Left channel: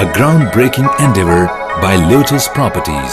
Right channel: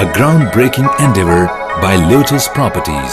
a groundbreaking endeavor by Lotus Properties۔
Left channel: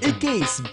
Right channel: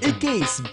21،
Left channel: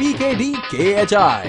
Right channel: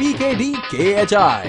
#PKDKHI